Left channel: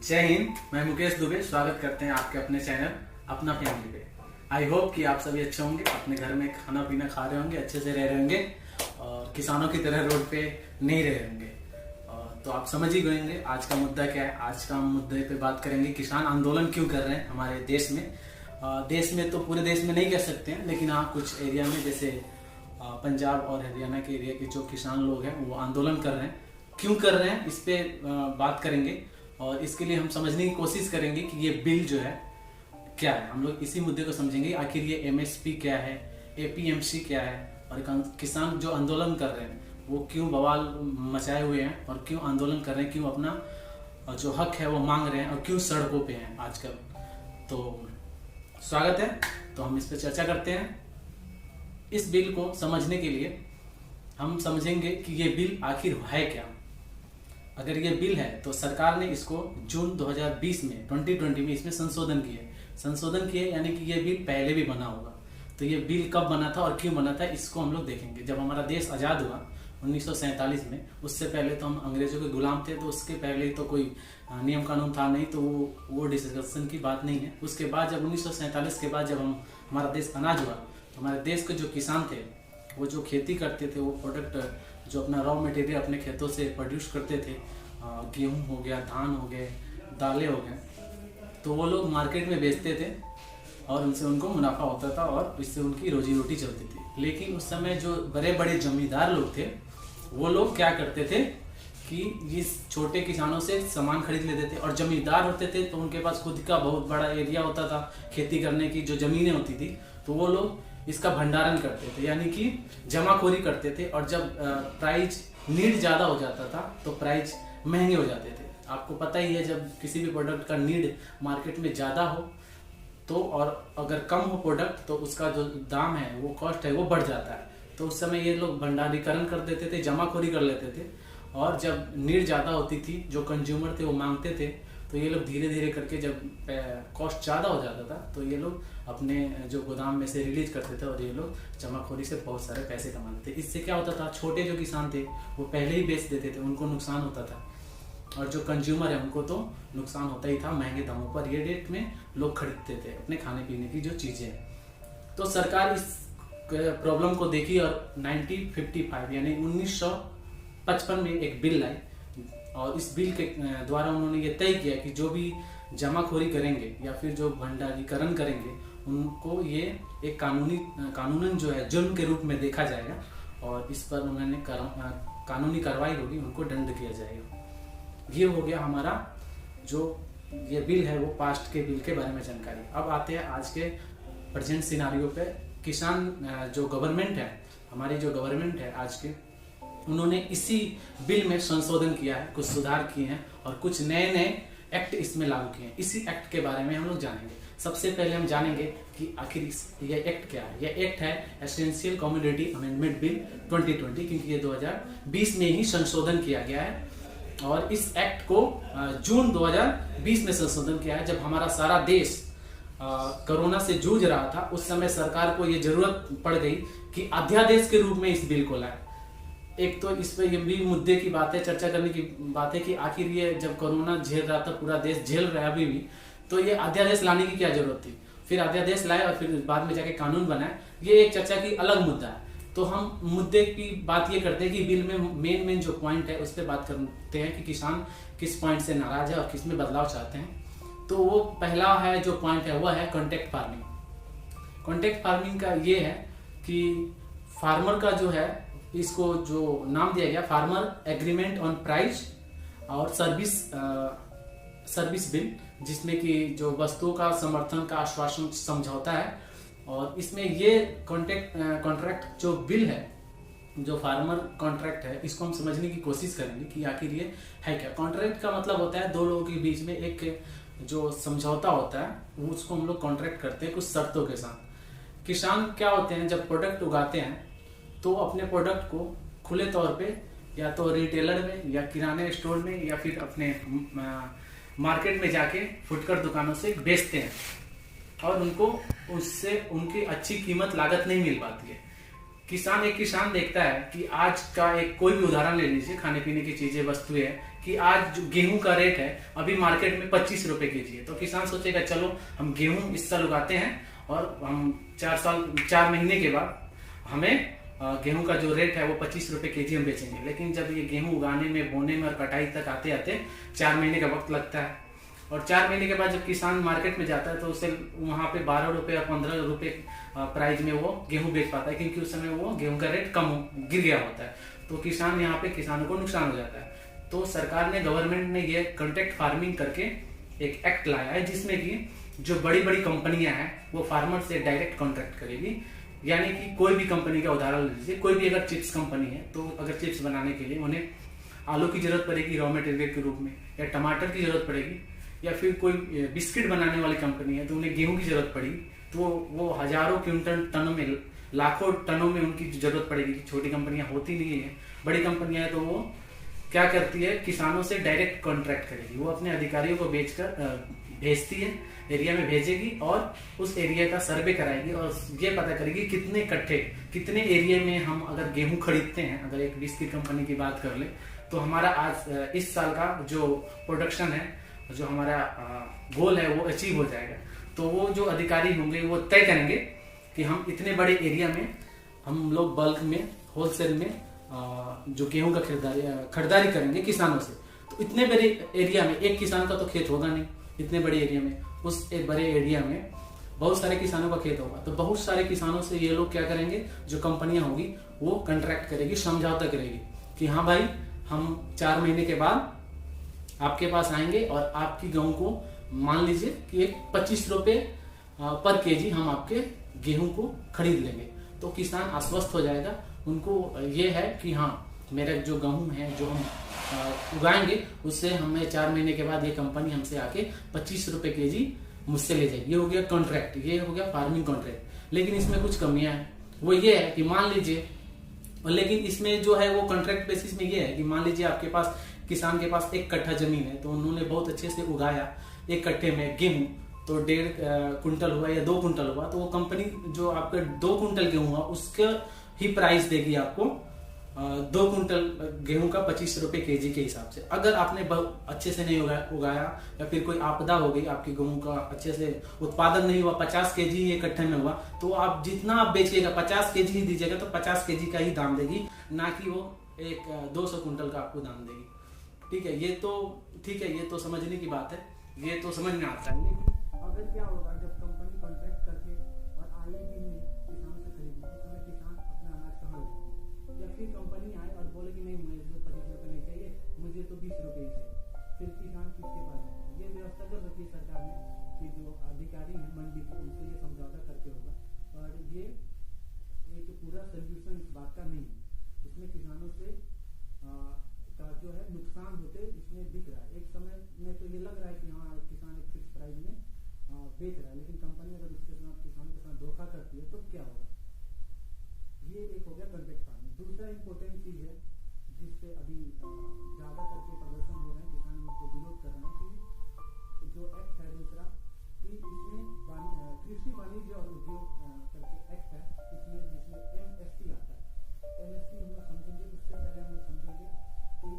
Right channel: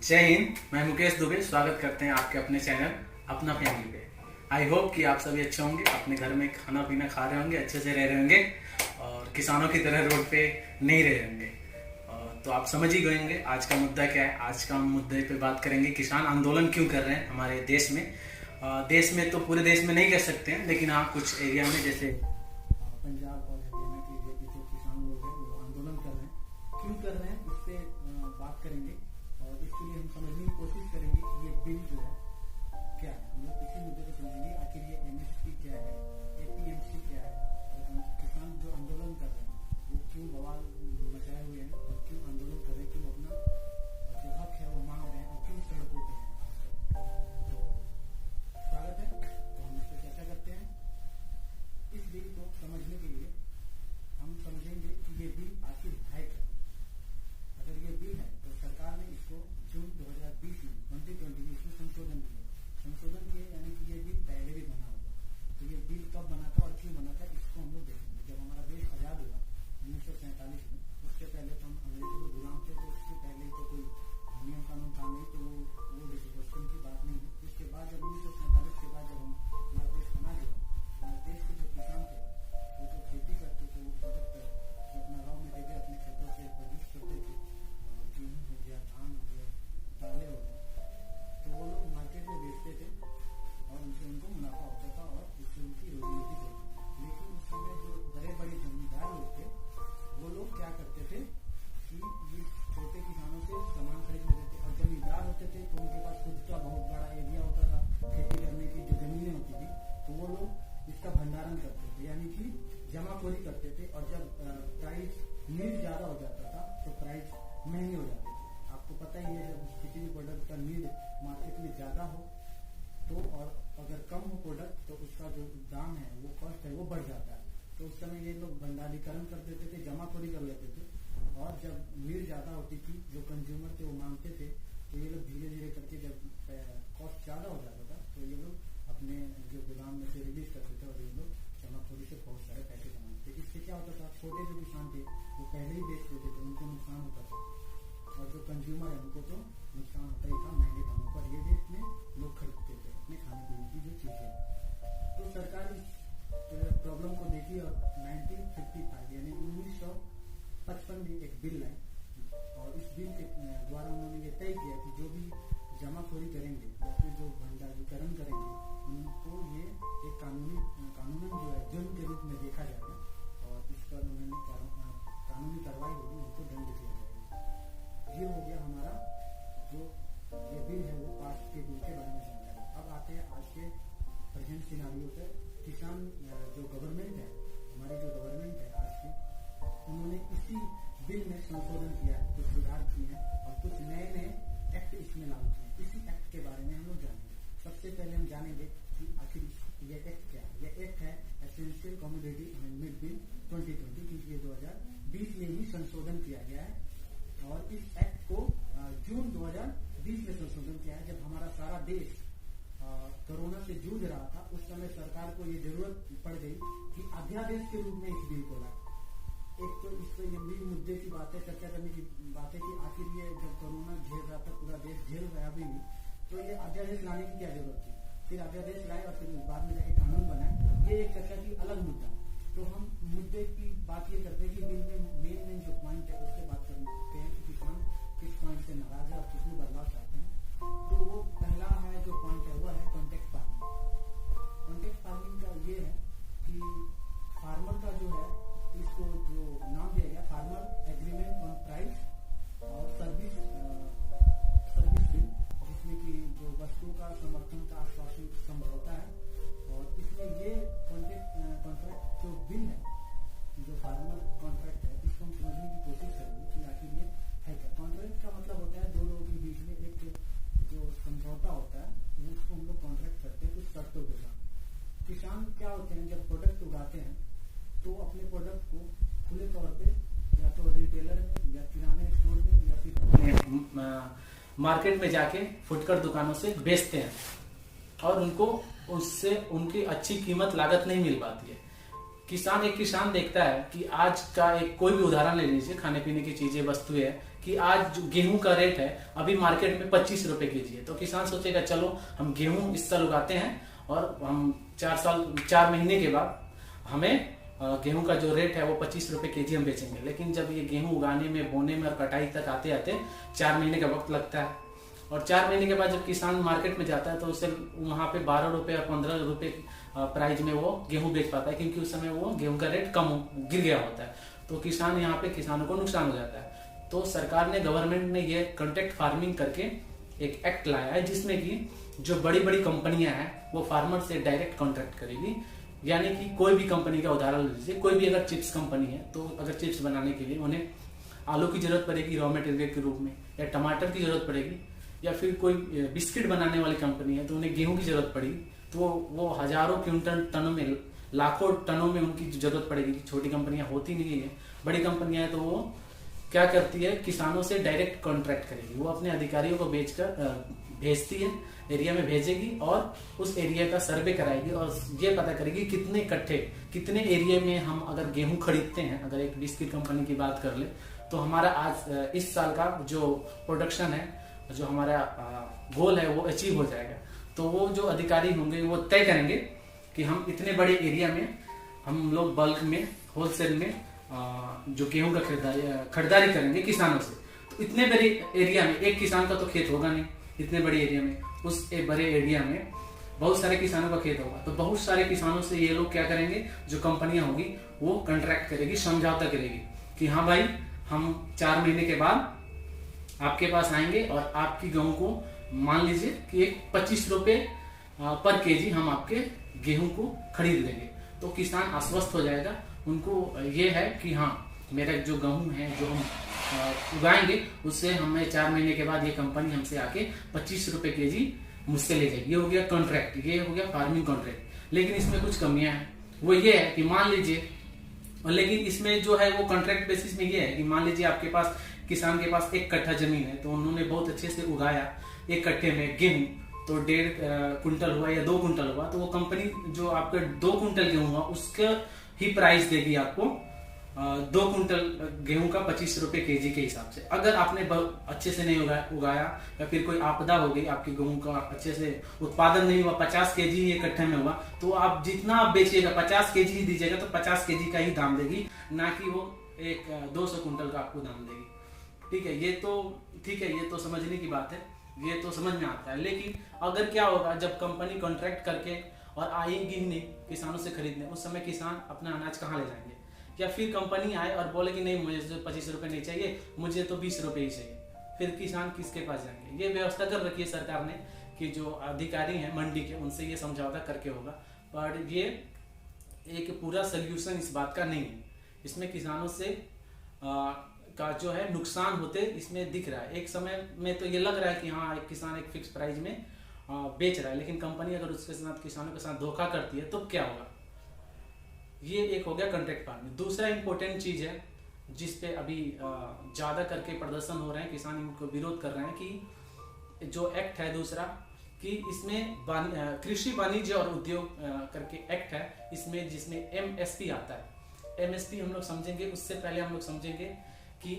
जय हिंद। मैं मुकेश दुबे स्वागत करते हैं आपके अपने चैनल अपना फैमिली पे। आई होप कि आप सभी अच्छे होंगे, अपने घर में खाना पीना खा रहे होंगे, अच्छे से रह रहे होंगे और किसानों की तरह रोड पे नहीं रहे होंगे। तो आप समझ ही गए होंगे आज का मुद्दा क्या है। आज का मुद्दे पे बात करेंगे किसान आंदोलन क्यों कर रहे हैं हमारे देश में। देश में तो पूरे देश में नहीं कह सकते हैं, लेकिन हाँ कुछ एरिया में जैसे पंजाब और हरियाणा के एरिया के जो किसान लोग हैं वो आंदोलन कर रहे हैं। क्यों कर रहे हैं इस पे बात करेंगे और इसके लिए हम समझने की कोशिश करेंगे कि ये बिल जो है क्या है। हम लोग इसी मुद्दे को समझेंगे, आखिर ये एमएसपी क्या है, एपीएमसी क्या है और किसान जो आंदोलन कर रहे हैं वो क्यों बवाल मचाए हुए हैं और क्यों आंदोलन कर रहे हैं, क्यों अपना जो हक है वो मांग रहे हैं और क्यों सड़कों पे हैं आजकल। तो स्वागत है। तो हम इस पर चर्चा करते हैं। इस बिल को समझने के लिए हम समझेंगे कि ये बिल आखिर है क्या। अगर ये बिल है तो सरकार ने इसको जून 2020 में 2020 में इसमें संशोधन किए, यानी कि ये बिल पहले भी बना होगा। तो ये बिल कब बना था और क्यों बना था इसको हम लोग देखेंगे। जब हमारा देश आज़ाद हुआ 1947 में, उससे पहले तो हम अंग्रेजों के गुलाम थे, तो उसके पहले तो कोई नियम कानून था नहीं, तो वो डिस्कशन की बात नहीं है। उसके बाद जब 1947 के बाद जब हमारा देश अनाज हुआ तो हमारे देश के जो किसान थे वो जो खेती करते थे, वो प्रोडक्ट जो अपना रॉ मटेरियल अपने खेतों से प्रोड्यूस करते थे, गेहूँ हो गया, धान हो गए, दालें हो गए, तो वो लोग मार्केट में बेचते थे और उनसे उनको मुनाफा होता था और इससे उनकी रोजी रोटी चलती थी। लेकिन उस समय जो बड़े बड़े जमींदार लोग थे वो लोग क्या करते थे कि इस छोटे किसानों से सामान खरीद लेते थे और जमींदार होते थे तो उनके पास खुद का बहुत बड़ा एरिया होता था खेती करने की, जो जमीनें होती थी, तो वो लोग इसका भंडारण करते थे, यानी कि जमाखोरी करते थे। और जब प्राइस नीड ज़्यादा हो जाता था तो प्राइस महंगे हो जाते थे। आपको पता ही है, जब किसी भी प्रोडक्ट का नीड मार्केट में ज़्यादा हो तो, और अगर कम हो प्रोडक्ट तो उसका जो दाम है, वो कॉस्ट है, वो बढ़ जाता है। तो उस समय ये लोग भंडारीकरण कर देते थे, जमाखोरी कर लेते थे और जब नीड ज़्यादा होती थी, जो कंज्यूमर थे वो मांगते थे, तो ये लोग धीरे धीरे करके जब कॉस्ट ज़्यादा हो जाता था तो ये लोग अपने जो गोदाम में से रिलीज करते थे और ये लोग जमाखोरी से बहुत सारे पैसे कमाते थे। इससे क्या होता था, छोटे जो किसान थे वो पहले ही बेच देते थे, उनको नुकसान होता था, और जो कंज्यूमर है उनको तो नुकसान होता ही था। महंगे दामों पर ये रेट में लोग खरीदते थे अपने खाने पीने की जो चीज़ें। तो सरकार इस प्रॉब्लम को देखी और 1955 यानी 1955 में एक बिल लाई और इस बिल के द्वारा उन्होंने ये तय किया कि जो भी जमाखोरी करेंगे या फिर जो भंडारीकरण करेंगे उनको ये एक कानूनन जो है जुर्म के रूप में देखा जाएगा और इस पर उन्होंने कानूनी कार्रवाई होगी, उनको दंड किया जाएगा। ये हो गया हमारा जो ये बिल है वो पास्ट के बिल के बारे में जानकारी। अब आते हैं आज के प्रेजेंट सिनारियो पे। किसान जो गवर्नमेंट है, हमारी जो गवर्नमेंट है आज के, उन्होंने इसी बिल में संशोधन किया है, कुछ सुधार किए हैं और कुछ नए नए एक्ट इसमें लागू किए हैं। इसी एक्ट के बारे में हम लोग जानेंगे। सबसे पहले हम जानेंगे कि आखिर यह एक्ट क्या है। यह एक्ट है एसेंशियल कमोडिटी अमेंडमेंट बिल 2020, क्योंकि ये 2020 में ही संशोधन किया गया है। और इस एक्ट को जून 2020 में संशोधन किया है। जब हमारा सारा देश कोरोना से जूझ रहा था, उस समय सरकार को ये जरूरत पड़ गई कि अध्यादेश के रूप में इस बिल को लाए। एक तो इस पर ये भी मुद्दे की बात है, चर्चा करने की बात है कि आखिर ये जब कोरोना झेल रहा था, पूरा देश झेल रहा है अभी भी, तो ये अध्यादेश लाने की क्या जरूरत थी। फिर अध्यादेश लाए और फिर बाद में जाके कानून बनाए, ये एक चर्चा की अलग मुद्दा है। तो हम मुद्दे की बात ये करते हैं कि बिल में मेन जो पॉइंट है उस पर बात करते हैं कि किसान किस पॉइंट से नाराज है और किस में बदलाव चाहते हैं। तो वो पहला है जो पॉइंट है वह है कॉन्ट्रैक्ट फार्मिंग। कॉन्ट्रैक्ट फार्मिंग का ये है कि फार्मर का जो है, इसको जो नाम दिया गया फार्मर एग्रीमेंट ऑन प्राइस और सर्विस बिल, जिसमें कि जो वस्तुओं का समर्थन का आश्वासन समझौता है। और इसमें ये कॉन्ट्रैक्ट जो बिल है, जो फार्मर कॉन्ट्रैक्ट है, इसको हम समझने की कोशिश करेंगे कि आखिर ये है क्या। कॉन्ट्रैक्ट का मतलब होता है दो लोगों के बीच में एक जो समझौता होता है, उसको हम लोग कॉन्ट्रैक्ट करते हैं कुछ शर्तों के साथ। किसान क्या होते हैं, जब प्रोडक्ट उगाते हैं तो अपने प्रोडक्ट को खुले तौर पे या तो रिटेलर में या किराने स्टोर में या फिर अपने मार्केट में जाके फुटकर दुकानों से बेचते हैं और उनको उससे उनकी अच्छी कीमत लागत नहीं मिल पाती है। किसान देखता है कि आज का एक कोई भी उदाहरण ले लीजिए, खाने पीने की चीजें वस्तुएं कि आज जो गेहूं का रेट है अभी मार्केट में 25 रुपए केजी है, तो किसान सोचेगा चलो हम गेहूं इस साल उगाते हैं और हम 4 महीने के बाद हमें गेहूं का जो रेट है वो 25 रुपए केजी हम बेचेंगे। लेकिन जब ये गेहूं उगाने में, बोने में और कटाई तक आते आते 4 महीने का वक्त लगता है, और 4 महीने के बाद जब किसान मार्केट में जाता है तो उसे वहां पे 12 रुपए और 15 रुपए प्राइस में वो गेहूं बेच पाता है, क्योंकि उस समय वो गेहूं का रेट गिर गया होता है। तो किसान यहाँ पे किसानों को नुकसान हो जाता है। तो सरकार ने, गवर्नमेंट ने ये कॉन्ट्रैक्ट फार्मिंग करके एक एक्ट लाया है, जिसमें कि जो बड़ी बड़ी कंपनियां हैं वो फार्मर से डायरेक्ट कॉन्ट्रैक्ट करेगी। यानी कि कोई भी कंपनी का उदाहरण लीजिए, कोई भी अगर चिप्स कंपनी है तो अगर चिप्स बनाने के लिए उन्हें आलू की जरूरत पड़ेगी रॉ मटेरियल के रूप में, या टमाटर की जरूरत पड़ेगी, या फिर कोई बिस्किट बनाने वाली कंपनी है तो उन्हें गेहूं की जरूरत पड़ी, तो वो हजारों क्विंटल टनों में, लाखों टनों में उनकी जरूरत पड़ेगी। छोटी कंपनियां होती नहीं है, बड़ी कंपनियां है तो वो क्या करती है, किसानों से डायरेक्ट कॉन्ट्रैक्ट करेगी। वो अपने अधिकारियों को भेजती है, एरिया में भेजेगी और उस एरिया का सर्वे कराएगी और ये पता करेगी कितने कट्ठे, कितने एरिया में हम अगर गेहूं खरीदते हैं। अगर एक बिस्किट कंपनी की बात कर ले तो हमारा आज इस साल का जो प्रोडक्शन है, जो हमारा गोल है वो अचीव हो जाएगा। तो वो जो अधिकारी होंगे वो तय करेंगे कि हम इतने बड़े एरिया में हम लोग बल्क में, होलसेल में जो गेहूं का खरीदारी करेंगे किसानों से। तो इतने बड़े एरिया में एक किसान का तो खेत होगा नहीं, इतने बड़े एरिया में, उस एक बड़े एरिया में बहुत सारे किसानों का खेत होगा। तो बहुत सारे किसानों से ये लोग क्या करेंगे, जो कंपनियां होगी वो कॉन्ट्रैक्ट करेगी, समझौता करेगी कि हाँ भाई हम 4 महीने के बाद आपके पास आएंगे और आपकी गेहूं को मान लीजिए कि एक 25 रुपए पर केजी हम आपके गेहूं को खरीद लेंगे। तो किसान आश्वस्त हो जाएगा, उनको ये है कि हाँ मेरा जो गेहूं है जो हम उगाएंगे उससे हमें 4 महीने के बाद ये कंपनी हमसे आके 25 रुपए केजी मुझसे ले जाएगी। ये हो गया कॉन्ट्रैक्ट, ये हो गया फार्मिंग कॉन्ट्रैक्ट। लेकिन इसमें कुछ कमियां हैं, वो ये है कि मान लीजिए, और लेकिन इसमें जो है वो कॉन्ट्रैक्ट बेसिस में ये है कि मान लीजिए आपके पास, किसान के पास 1 कट्ठा जमीन है, तो उन्होंने बहुत अच्छे से उगाया 1 कट्ठे में गेहूं, तो 1.5 कुंटल हुआ या 2 कुंटल हुआ, तो वो कंपनी जो आपका 2 कुंटल गेहूं हुआ उसका ही प्राइस देगी आपको 2 कुंटल गेहूं का 25 रुपए केजी के हिसाब से। अगर आपने बहुत अच्छे से नहीं उगाया या फिर कोई आपदा हो गई, आपकी गेहूं का अच्छे से उत्पादन नहीं हुआ, 50 केजी ही इकट्ठे में हुआ, तो आप जितना आप बेचिएगा 50 केजी ही दीजिएगा, तो 50 केजी का ही दाम देगी, ना कि वो एक 200 कुंटल का आपको दाम देगी। ठीक है, ये तो समझने की बात है, ये तो समझ में आता है। लेकिन अगर क्या होगा, जब कंपनी कॉन्ट्रैक्ट करके और आएगी नहीं किसानों से खरीदने, उस समय किसान अपना अनाज कहाँ ले जाएंगे? या फिर कंपनी आए और बोले कि नहीं मुझे 25 रुपए नहीं चाहिए, मुझे तो 20 रुपए ही चाहिए, फिर किसान किसके पास जाएंगे? ये व्यवस्था कर रखी है सरकार ने कि जो अधिकारी हैं मंडी के, उनसे ये समझौता करके होगा। पर ये एक पूरा सोल्यूशन इस बात का नहीं है। इसमें किसानों से का जो है नुकसान होते इसमें दिख रहा है। एक समय में तो ये लग रहा है कि हाँ एक किसान एक फिक्स प्राइस में बेच रहा है, लेकिन कंपनी अगर उसके साथ, किसानों के साथ धोखा करती है तो क्या होगा? ये एक हो गया कॉन्ट्रैक्ट फार्मिंग। दूसरा इंपॉर्टेंट चीज है जिसपे अभी ज्यादा करके प्रदर्शन हो रहे हैं, किसान इनको विरोध कर रहे हैं, कि जो एक्ट है दूसरा, कि इसमें कृषि वाणिज्य और उद्योग करके एक्ट है, इसमें जिसमें MSP आता है। MSP हम लोग समझेंगे, उससे पहले हम लोग समझेंगे कि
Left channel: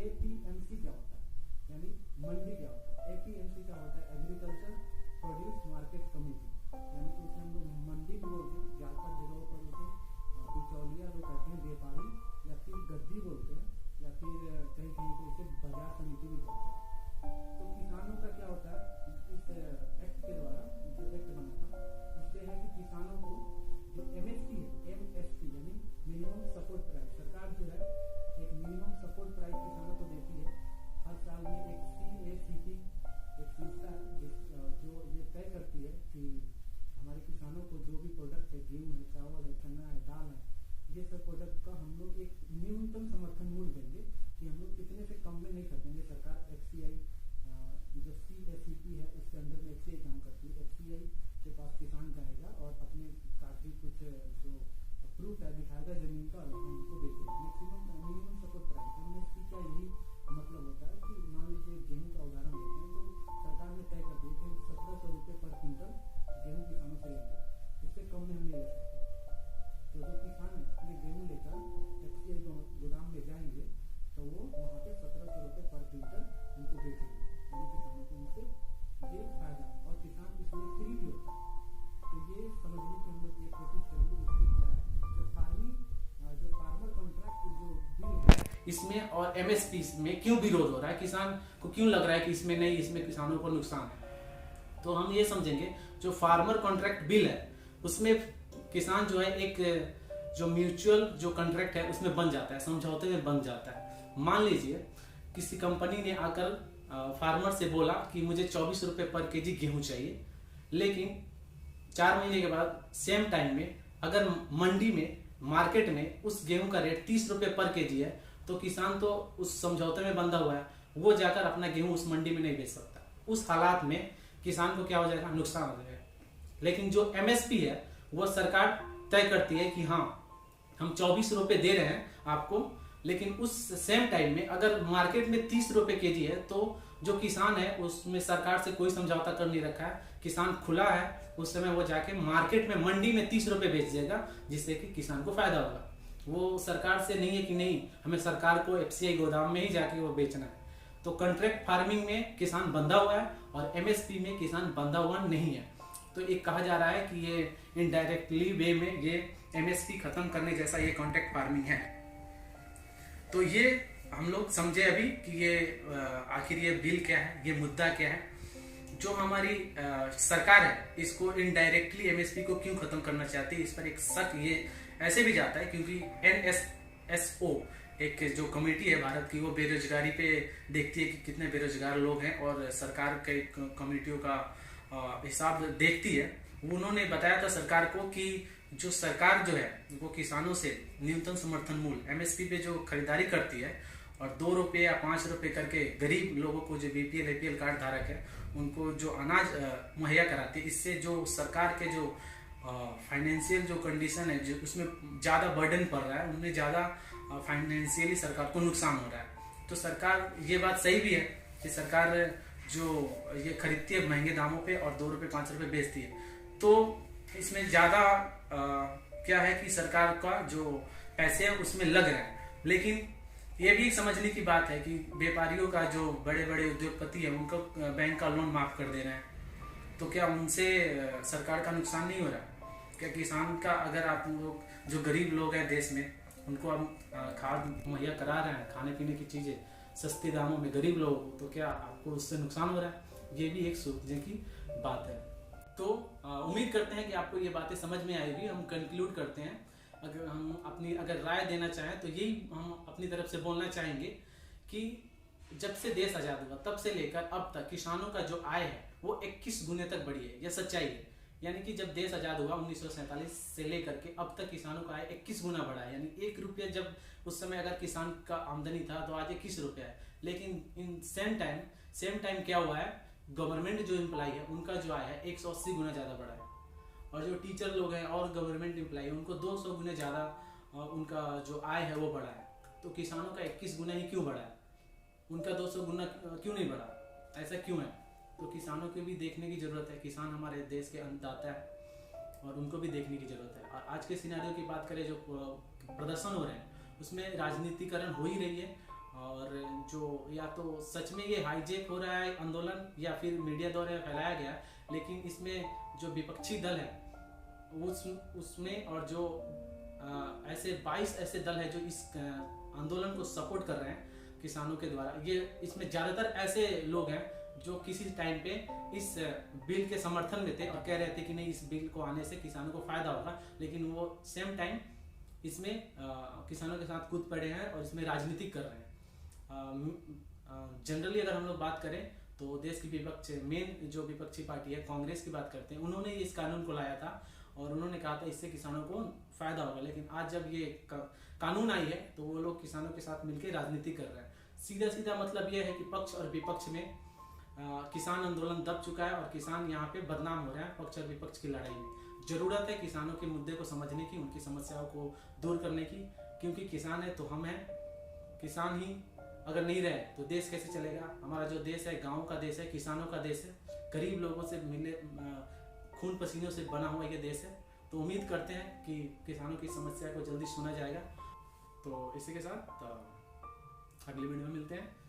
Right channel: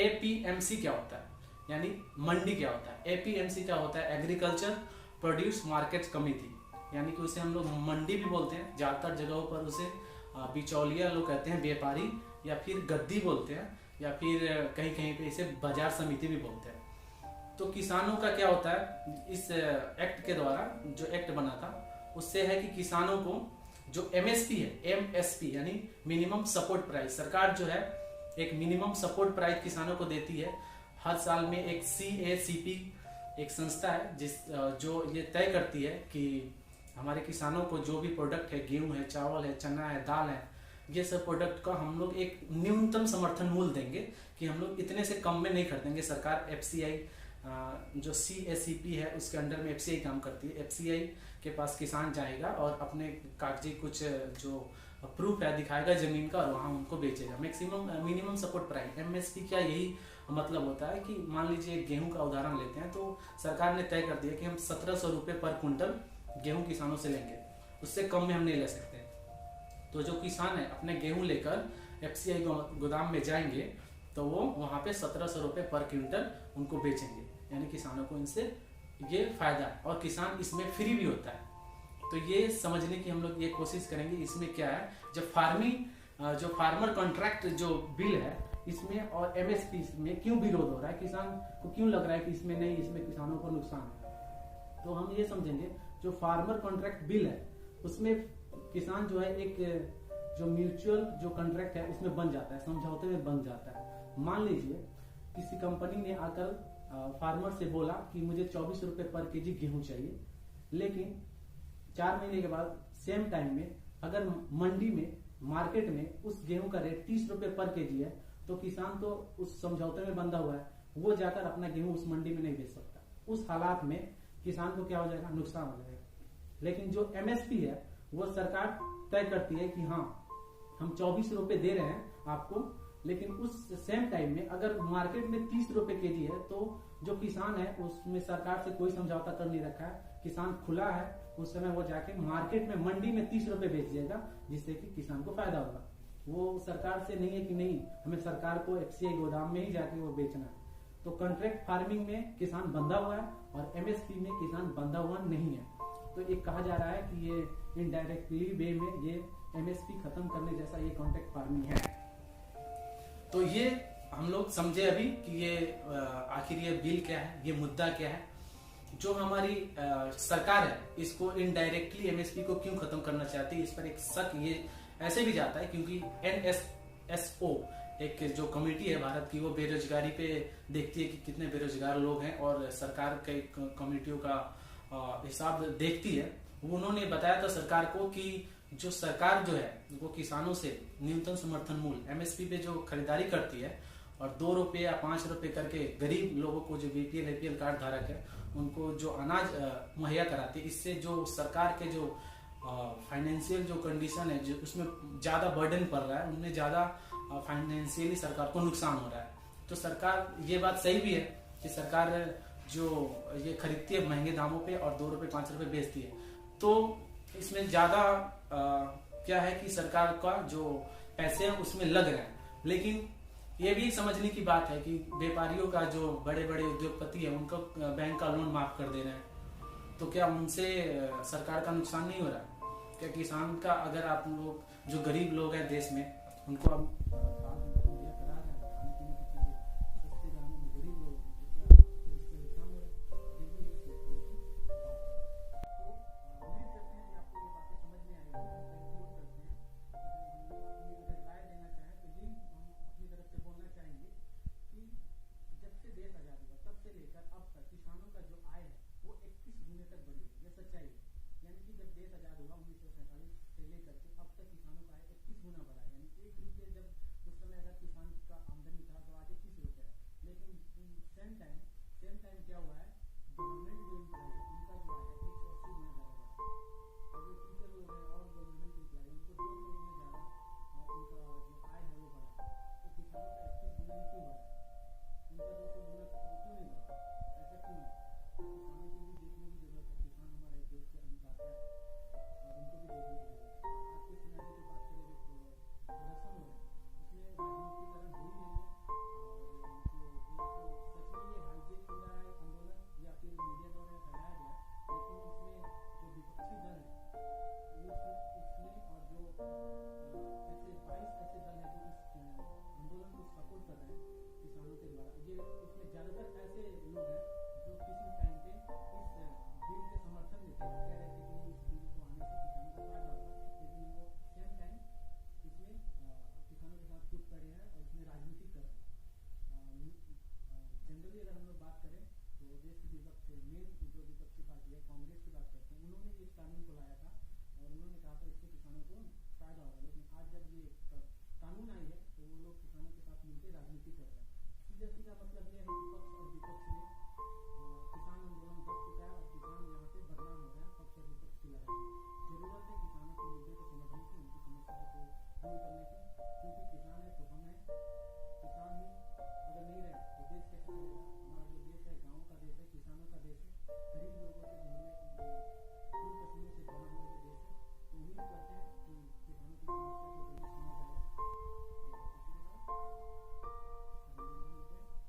APMC क्या होता है, यानी मंडी क्या होता है। APMC क्या होता है? एग्रीकल्चर प्रोड्यूस मार्केट कमेटी, यानी कि उसे हम लोग मंडी भी बोलते हैं, ज्यादातर जगहों पर उसे बिचौलिया लोग कहते हैं, व्यापारी, या फिर गद्दी बोलते हैं, या फिर कहीं कहीं पे इसे बाजार समिति भी बोलते हैं। तो किसानों का क्या होता है, इस एक्ट के द्वारा जो एक्ट बना था उससे है कि किसानों को जो MSP है, MSP यानी मिनिमम सपोर्ट प्राइस, सरकार जो है एक मिनिमम सपोर्ट प्राइस किसानों को देती है। हर साल में एक CACP एक संस्था है जो ये तय करती है कि हमारे किसानों को जो भी प्रोडक्ट है, गेहूं है, चावल है, चना है, दाल है, ये सब प्रोडक्ट का हम लोग एक न्यूनतम समर्थन मूल्य देंगे कि हम लोग इतने से कम में नहीं खरीदेंगे। सरकार FCI जो CACP है उसके अंडर में FCI काम करती है। FCI के पास किसान जाएगा और अपने कागजी कुछ जो प्रूफ है दिखाएगा जमीन का, और वहां उनको बेचेगा। Maximum minimum support price MSP क्या यही मतलब होता है कि मान लीजिए गेहूं का उदाहरण लेते हैं, तो सरकार ने तय कर दिया कि हम 1700 रुपए पर क्विंटल गेहूं किसानों से लेंगे, उससे कम में हम नहीं ले सकते। तो जो किसान है अपने गेहूं लेकर FCI गोदाम में जाएंगे तो वो वहाँ पे 1700 रुपये पर क्विंटल उनको बेचेंगे, यानी किसानों को इनसे ये फायदा है। और किसान इसमें फ्री भी होता है। तो ये समझने की हम लोग ये कोशिश करेंगे इसमें क्या है। जब जो फार्मर कॉन्ट्रैक्ट जो बिल है इसमें और एमएसपी में क्यों विरोध हो रहा है, किसान को क्यों लग रहा है कि इसमें नहीं, इसमें किसानों को नुकसान है, तो हम ये समझेंगे जो फार्मर कॉन्ट्रैक्ट बिल है उसमें किसान जो है एक जो म्यूचुअल जो कॉन्ट्रैक्ट है उसमें बन जाता है, समझौते में बन जाता है। मान लीजिए किसी कंपनी ने आकर फार्मर से बोला कि मुझे 24 रुपये पर केजी गेहूं चाहिए, लेकिन 4 महीने के बाद सेम टाइम में अगर मंडी में मार्केट में उस गेहूं का रेट 30 रुपये पर केजी है, तो किसान तो उस समझौते में बंधा हुआ है, वो जाकर अपना गेहूं उस मंडी में नहीं बेच सकता। उस हालात में किसान को क्या हो जाएगा, नुकसान हो जाएगा। लेकिन जो एमएसपी है वो सरकार तय करती है कि हाँ हम 24 रुपये दे रहे हैं आपको, लेकिन उस सेम टाइम में अगर मार्केट में 30 रुपये केजी है तो जो किसान है उसमें सरकार से कोई समझौता कर नहीं रखा है, किसान खुला है, उस समय वो जाके मार्केट में मंडी में 30 रुपये बेच देगा, जिससे कि किसान को फायदा होगा। वो सरकार से नहीं है कि नहीं हमें सरकार को एफसीआई गोदाम में ही जाके वो बेचना है। तो कॉन्ट्रैक्ट फार्मिंग में किसान बंधा हुआ है और एमएसपी में किसान बंधा हुआ नहीं है। तो एक कहा जा रहा है कि ये इनडायरेक्टली वे में ये एमएसपी खत्म करने जैसा ये कॉन्ट्रैक्ट फार्मिंग है। तो ये हम लोग समझे अभी कि ये आखिर ये बिल क्या है, ये मुद्दा क्या है। जो हमारी सरकार है इसको इनडायरेक्टली एमएसपी को क्यों खत्म करना चाहती है, इस पर एक शक ये ऐसे भी जाता है क्योंकि एनएसएसओ एक जो कमेटी है भारत की, वो बेरोजगारी पे देखती है कि कितने बेरोजगार लोग हैं और सरकार के कमेटियों का हिसाब देखती है। उन्होंने बताया था सरकार को कि जो सरकार जो है वो किसानों से न्यूनतम समर्थन मूल्य एमएसपी पे जो खरीदारी करती है और 2 रुपये या 5 रुपये करके गरीब लोगों को जो बीपीएल एपीएल कार्ड धारक है उनको जो अनाज मुहैया कराती है, इससे जो सरकार के जो फाइनेंशियल जो कंडीशन है जो उसमें ज्यादा बर्डन पड़ रहा है, उनमें ज्यादा फाइनेंशियली सरकार को नुकसान हो रहा है। तो सरकार ये बात सही भी है कि सरकार जो ये खरीदती है महंगे दामों पे और 2 रुपये 5 रुपये बेचती है, तो इसमें ज्यादा क्या है कि सरकार का जो पैसे हैं उसमें लग रहा है। लेकिन ये भी समझने की बात है कि व्यापारियों का जो बड़े बड़े उद्योगपति है उनको बैंक का लोन माफ कर दे रहे हैं, तो क्या उनसे सरकार का नुकसान नहीं हो रहा? क्या किसान का, अगर आप लोग जो गरीब लोग हैं देश में उनको हम खाद मुहैया करा रहे हैं, खाने पीने की चीजें सस्ते दामों में गरीब लोग, तो क्या आपको उससे नुकसान हो रहा है? ये भी एक सोचने की बात है। तो उम्मीद करते हैं कि आपको ये बातें समझ में आएगी। हम कंक्लूड करते हैं, अगर हम अपनी राय देना चाहें तो यही हम अपनी तरफ से बोलना चाहेंगे कि जब से देश आजाद हुआ तब से लेकर अब तक किसानों का जो आय है वो 21 गुने तक बढ़ी है। यह सच्चाई है। यानी कि जब देश आजाद हुआ 1947 से लेकर के अब तक किसानों का आय 21 गुना बढ़ा है। यानी 1 रुपया जब उस समय अगर किसान का आमदनी था तो आज 21 रुपया है। लेकिन इन सेम टाइम क्या हुआ है, गवर्नमेंट जो एम्प्लॉय है उनका जो आय है 180 गुना ज्यादा बढ़ा है, और जो टीचर लोग हैं और गवर्नमेंट एम्प्लॉय है उनको 200 गुना ज्यादा उनका जो आय है वो बढ़ा है। तो किसानों का 21 गुना ही क्यों बढ़ा है, उनका 200 गुना क्यों नहीं बढ़ा? ऐसा क्यों है? तो किसानों को भी देखने की जरूरत है। किसान हमारे देश के अन्नदाता है और उनको भी देखने की जरूरत है। और आज के सिनेरियो की बात करें, जो प्रदर्शन हो रहे हैं उसमें राजनीतिकरण हो ही रही है, और जो या तो सच में ये हाईजेक हो रहा है आंदोलन या फिर मीडिया द्वारा फैलाया गया, लेकिन इसमें जो विपक्षी दल है उसमें और जो ऐसे 22 ऐसे दल है जो इस आंदोलन को सपोर्ट कर रहे हैं किसानों के द्वारा, ये इसमें ज्यादातर ऐसे लोग हैं जो किसी टाइम पे इस बिल के समर्थन में थे और कह रहे थे कि नहीं इस बिल को आने से किसानों को फायदा होगा, लेकिन वो सेम टाइम इसमें किसानों के साथ कूद पड़े हैं और इसमें राजनीति कर रहे हैं। जनरली अगर हम लोग बात करें तो देश की मेन जो विपक्षी पार्टी है कांग्रेस की बात करते हैं, उन्होंने इस कानून को लाया था और उन्होंने कहा था इससे किसानों को फायदा होगा। लेकिन आज जब ये कानून आई है तो वो लोग किसानों के साथ मिलकर राजनीति कर रहे हैं। सीधा मतलब ये है कि पक्ष और विपक्ष में किसान आंदोलन दब चुका है और किसान यहाँ पे बदनाम हो रहे हैं पक्ष और विपक्ष की लड़ाई में। जरूरत है किसानों के मुद्दे को समझने की, उनकी समस्याओं को दूर करने की, क्योंकि किसान है तो हम हैं। किसान ही अगर नहीं रहे तो देश कैसे चलेगा? हमारा जो देश है गाँव का देश है, किसानों का देश है, गरीब लोगों से मिले खून पसीनों से बना हुआ ये देश है। तो उम्मीद करते हैं कि किसानों की समस्या को जल्दी सुना जाएगा। तो इसी के साथ अगली वीडियो में मिलते हैं।